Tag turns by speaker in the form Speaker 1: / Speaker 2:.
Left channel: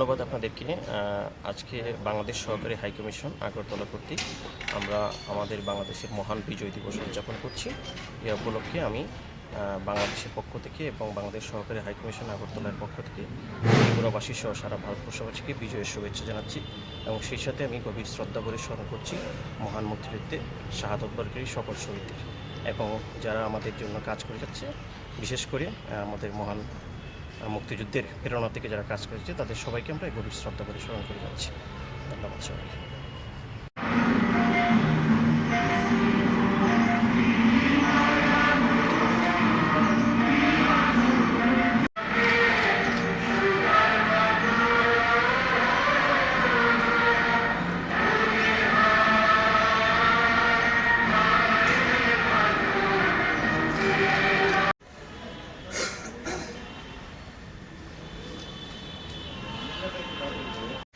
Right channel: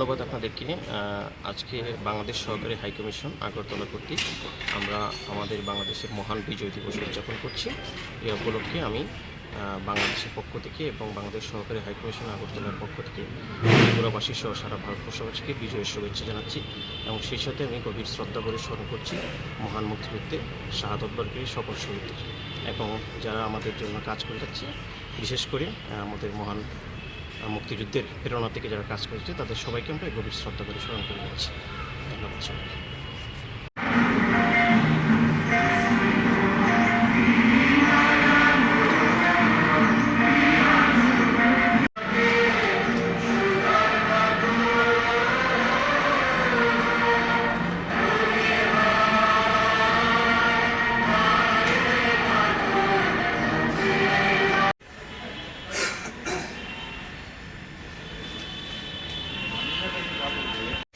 Speaker 1: ধন্যবাদ আপনাদেরকে। আজকে বাংলাদেশ সহকারী হাইকমিশন আগরতলা কর্তৃক আমরা আমাদের বাংলাদেশের মহান বিজয় দিবস উদযাপন করছি। এ উপলক্ষে আমি বাংলাদেশের পক্ষ থেকে এবং বাংলাদেশ সহকারী হাইকমিশন আগরতলার পক্ষ থেকে ত্রিপুরাবাসী সহ সারা ভারতবর্ষবাসীকে বিজয়ের শুভেচ্ছা জানাচ্ছি এবং সেই সাথে আমি গভীর শ্রদ্ধা করে স্মরণ করছি মহান মুক্তিযুদ্ধে শাহাদত বর্গের সকল শহীদদের। এবং যারা আমাদের জন্য কাজ করে যাচ্ছে, বিশেষ করে আমাদের মহান মুক্তিযুদ্ধের প্রেরণা থেকে যারা কাজ করেছে, তাদের সবাইকে আমরা গভীর শ্রদ্ধা করে স্মরণ করে যাচ্ছি ধন্যবাদ সবাইকে। えっ?